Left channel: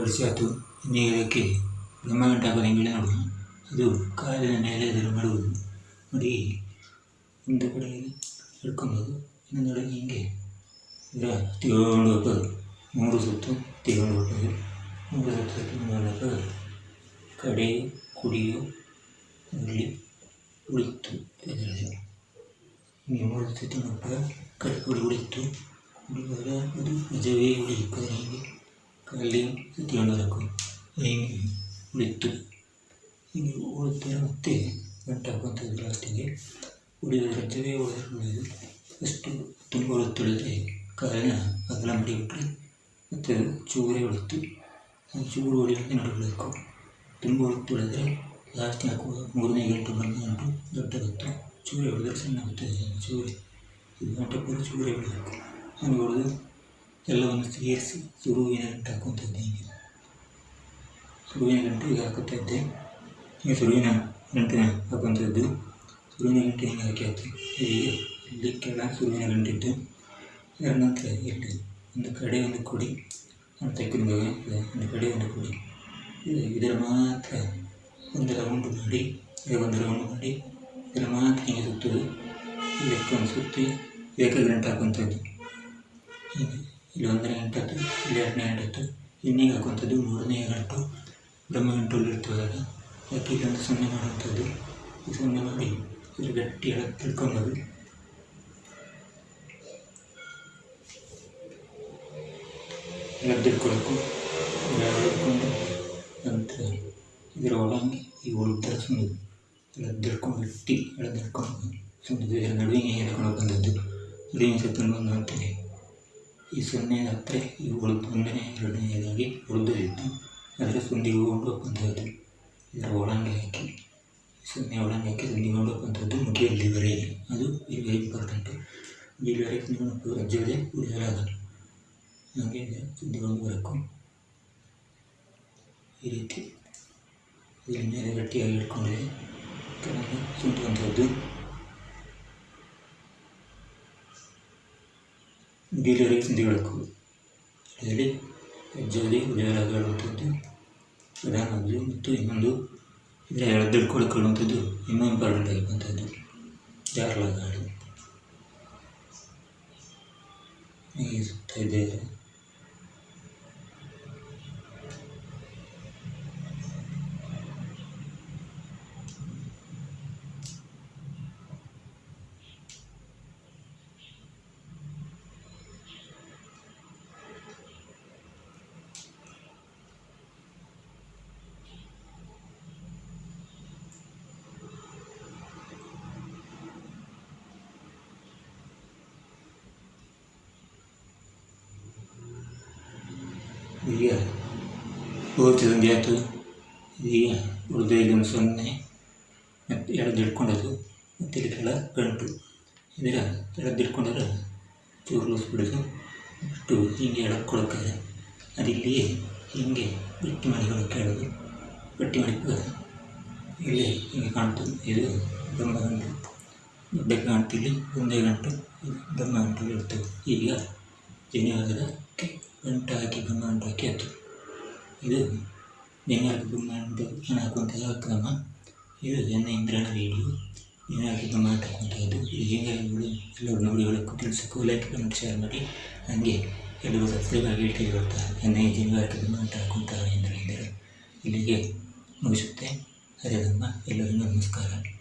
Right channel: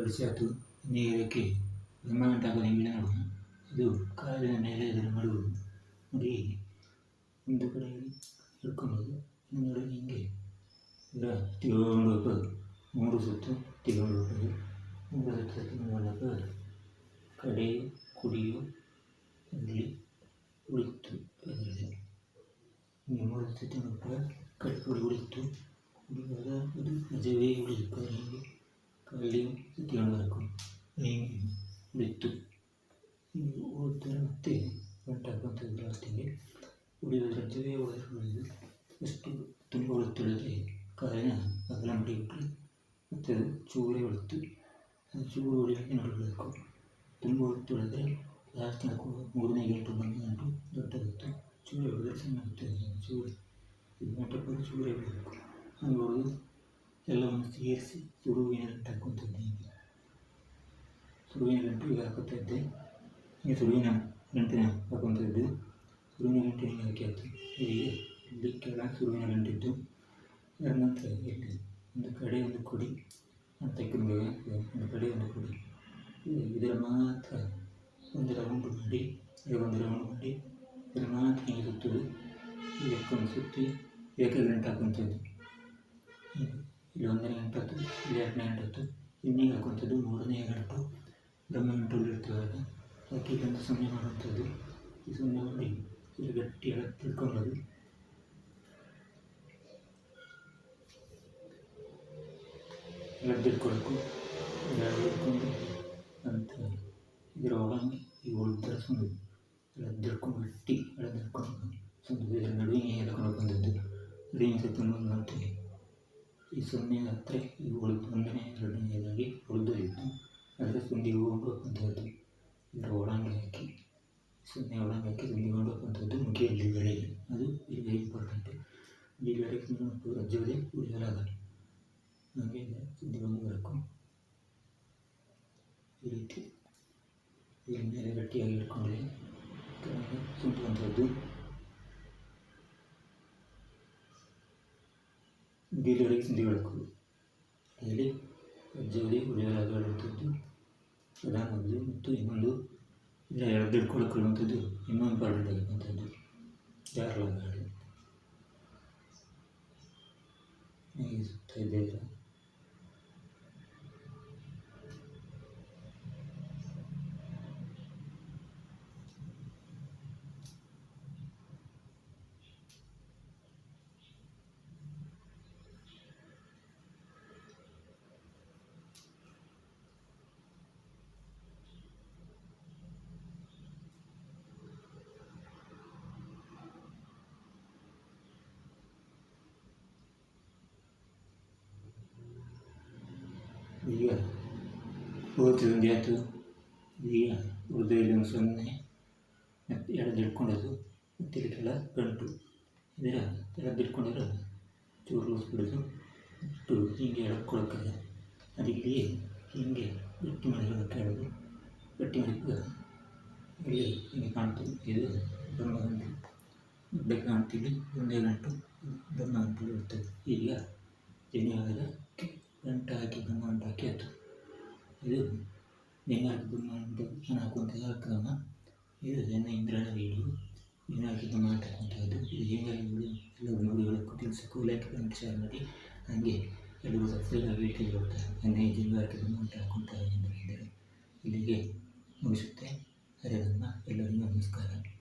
ಬಿಡಿಸಿ ಆಯ್ತು ಇನ್ನು ಇದಕ್ಕೆ ಬ್ರಹ್ಮಗಂಟೆ ಹಾಕೋದು ಹೆಂಗೆ ನೋಡು. ಅದು ಕಾಲಿನ ನೆಲೆಯಲ್ಲಿ ಮಾಡುವುದು. ನೋಡಿ, ಒಂದು ಕಡೆ ಹಿಡ್ಕೊಬೋದು ಇನ್ನೊಂದು ಕಡೆ ಹಿಂಗೆ. ಇದರ ತಗೊಂಡು ಹೋಗೋದು ಮೂರು ಸುತ್ತು ತಗೊಂಡು ಹೋಗೋದು ಮೂರು ಸುತ್ತು ತಗೊಂಡು ಹೋಗೋದು ಕಡೆ ಕುಡಿಯೋ ಇಲ್ಲಿ ಉಳಿತು ಇದರಲ್ಲಿ ಈ ಮೂರು ಸುತ್ತು ನೋಡುವಾಗ ಕಡೆ ಕುಡಿ ಉಳಿತು. ಕುಡಿಯುವಾಗ ಅದು ನಿಜವೇ ಉಳಿಯುತ್ತದೆ. ಹೀಗೆ ಅಲ್ಲಿ ತಗೊಂಡು ಹೋಗಬೇಕು ಹೀಗೆ ಉಳಿತು ಹೀಗೆ ಉಳಿದ್ರೆ ಮತ್ತೆ ಗಂಟೆ ಹಾಕುವಂಥದ್ದು ಲಾಸ್ಟಿಗೆ ಉಳಿದ ರಜ್ಜವೇ ಉಳಿದ್ರೆ ಒಳ್ಳೆಯದು ಅಷ್ಟು ತುಂಬ ಒತ್ತುಳಿದ್ರೆ ಕಾಲಿನ ಅಗಲ ಮಾಡಿಬಿಟ್ರೆ ಮತ್ತು ಅದು ಚೂರೇ ಉಳಿತು ಆ ಚೂರು ಉಳಿಯೋಕ್ಕೆ ನೋಡಬೇಕು ತುಂಬ ಒತ್ತುಳಿದ್ರೆ ಜಾಸ್ತಿ ಹಾಕುವ ಮೂರನೇ ಗಂಟು ಒಂದು ಗಂಟು ದೊಡ್ಡದಾಗುತ್ತೆ ಚೂರೇ ಉಳಿದ್ರೆ ಸಣ್ಣ ಆಗುತ್ತದೆ ಚೂರೇ ಇದು ಗಂಟೆ ಪೂರ ಚೂರೇ ಉಳಿಬೇಕು ಹಾಗೆ ಹೊಡೆದು ಎಲ್ಲವನ್ನು ಸೇರಿಸಿ ಸುರುವಿನ ಗಂಟು ಹಾಕುವಂಥದ್ದೇನಿಲ್ಲ ಹೀಗೆ ಸುರುವಿನ ಗಂಟು ಈಗ ಹಾಕುತ್ತಾ ಇದ್ದೆ? ಈಗ ಸುರುವಿನ ಗಂಟಿನ ಹಾಕುವಂಥದ್ದು. ಸುರುವಿನ ಗಂಟೆ ಹಿಂಗೆ ಹಾಕಿ ಹಾಕಿ? ಹೀಗೆ ಇಲ್ಲಿ ಕೆಳ ಸುರುವಿನ ಗಂಟಿದ್ದು. ಅದರ ನಂತರ ಇಲ್ಲಿ ಒಂದು ಕಡೆ. ಒಂದು ಕೊಡಿ ಅಂತ ಒಂದು ಕಡೆ. ಒಂದು ಕೊಡಿ ಇದರ ಮಾತ್ರ ಒಂದು ರೌಂಡ್ ಮಾಡಿ. ಒಂದು ರೌಂಡ್ ಮಾಡಿ. ಇದರ ಮಾತ್ರ ಹಿಂಗೆ ಸುತ್ತೋದು ಇದಕ್ಕೊಂದು ಸುತ್ತಿ ಏಕ ಗಂಟೆ ಹಾಕುವಂಥದ್ದು. ಹೀಗೆ. ಇಲ್ಲಿ ಒಂದನೇ ಗಂಟತ್ತು ಇಲ್ಲಿ ಎರಡನೇ ಗಂಟತ್ತು ಇನ್ನೀಗ ಹಾಕುವಂಥದ್ದು ಮೂರನೇ ಗಂಟು ಬ್ರಹ್ಮಗಂಟಲ್ಲಿ ಇರ್ತದಾಗ ಅದಕ್ಕೆ ಇಲ್ಲೊಂದು ಸೊನ್ನೆ ಮಾಡುವಂಥದ್ದು? ಈ ಸೊನ್ನೆ ಮಾಡಿ ಇದ್ರ ಗಟ್ಟಿ ಎಳಕ್ಕೆ ತಿಳ್ಕೊಬೋದು ಎಳೆದಿಟ್ಕೊಳ್ಬೇಕು ಎಳೆದಿಟ್ಕೊಂಡು ನಂತರ ಇದರ ಒಳಗೆ ಈ ಉಳಿದ ಸುಮ್ಮನೆ ಎಳೆದಿಟ್ಕೊಂಡು ಗಟ್ಟಿ ಎಳೆದಿಟ್ಕೊಂಡು ಸುಮ್ಮದು ಇದರ ನಡುವಿಗೆ ಎಳ್ಕೊಂಡು ಬಂದದ್ದು ಅದೇ ಸತ್ತು ಅಂತಾರೆ ಈ ಸೊನ್ನೆ ಹತ್ತಿರ ಉಳಿದು ಒಂದನೇ ಎರಡನೇದಾಗಿ ಉಳಿದಿದ್ದು ಅದರ ಸಂದಿಗೆ ಬಂದದ್ದು. ಇದರ ಒಳಗೆ ಹಾಕಿ, ಸೊನ್ನೆ ಒಳಗೆ ಹಾಕಿ ಸಂದಿಗೆ ಬಂದದ್ದು ಮುಗಿಯಲ್ಲಿವರೆಗೆ ಅದು ವೆರಿ ಇಂಪಾರ್ಟೆಂಟು ಇಲ್ಲಿವರೆಗೆ ಸಂದಿಗೆ ರಜ್ಜದೆ ಆಗಲ್ಲ ಹಾಗೆ ಬರಬೇಕು ಈ ರೀತಿ. ಇದರ ಮೇಲೆ ಗಟ್ಟಿಯಾಗಿ ಇಟ್ಕೊಂಡ್ರೆ ಸುಂಟುವಂಥದ್ದು ಬೀಳರಿಗೆ ಹೇಳಬೇಕು ಇದರಲ್ಲಿ ಹೆಜ್ಜೆಯಲ್ಲಿ ಉಳಿಯಲಾಗುವಂಥದ್ದು ಪ್ರಧಾನದ್ದು ಮತ್ತು ಇನ್ನೊಂದು ಇದರ ಎಳೆದಿಡ್ಕೊಳ್ಕೊಳ್ಳುವಂಥದ್ದು ಇನ್ನೂ ಇಂಪಾರ್ಟೆಂಟ್ ಆಗಿರುವಂಥದ್ದು ಜಾರ್ಲಾಗಾಡು ಸುತ್ತಾ ಇದ್ದೇವೆ ಈಗ ಸಂಧಿ ಆಯಿತು ಈಗ ಉಳಿದ ಇಲ್ಲೊಂದು ಸೊನ್ನೆ ಮತ್ತು ಎಳೆದಿಡ್ಕೊಂಡದ್ದು ಮತ್ತು ಇಲ್ಲಿ ಕೆಳ ಗಂಟು. ಇದರ ಎಳೆದಿಡ್ಕೊಂಡರೆ ಚೂರು ಲೂಸ್ ಬಿಡೋದು. ಅಷ್ಟು ಹೀಗೆ ಎಳ್ಕೊಳಕ್ಕಾಗ ಅದಿಲ್ಲಿ ಹೀಗೆ ಗಟ್ಟಿ ಮಾಡಿ ಕೇಳೋದು. ಗಟ್ಟಿ ಮಾಡಿ ಇಲ್ಲಿ ಹೀಗೆ ಕಾಣ್ತು. ಇದು ಬ್ರಹ್ಮ ಗಂಟು. ದೊಡ್ಡ ಇಲ್ಲಿ ಒಂದೇ ಗಂಟು ಬ್ರಹ್ಮ ಗಂಟು ಇರ್ತವೆ ಈಗ ಜನಿವಾರಕ್ಕೆ ಗಂಟು ಹಾಕಿ ಬ್ರಹ್ಮ ಗಂಟು ಹಾಕಿ ಆಯ್ತು ಇದು ಗಂಟು ಹಣ ಹಾಕುವಂತಹ ಕ್ರಮ ಇದು ವೀಡಿಯೋ ಜನಿವಾರಕ್ಕೆ ಬ್ರಹ್ಮಾಂಡ ಗಂಟು ಹಾಕುವಂಥದ್ದು ಇದು ಹೇಗೆ ಎಲ್ಲರೂ ನೋಡಿ ಹೇಳೋಕ್ಕೂ ತಿಳಿಸೋಕ್ಕೂ ಲೈಕ್ ಕಮೆಂಟ್ ಶೇರ್ ಮಾಡಿ. ಹಾಗೆ ಎಲ್ಲರೂ ಸಬ್ಸ್ಕ್ರೈಬ್ ಆಗಿ ಬರ್ತಾ ಎನ್ನೇ ಜನಿವಾರಕ್ಕೆ ಬ್ರಹ್ಮಾಂಡ ಗಂಟು ಹಾಕುವಂತಹ ಇಂದ್ರ ಇಂದ್ರ ಇಲ್ಲಿಗೆ ಮುಗಿಸುತ್ತೆ. ಹರೇ ಬ್ರಹ್ಮ, ಎಲ್ಲರಿಗೂ ನಮಸ್ಕಾರ.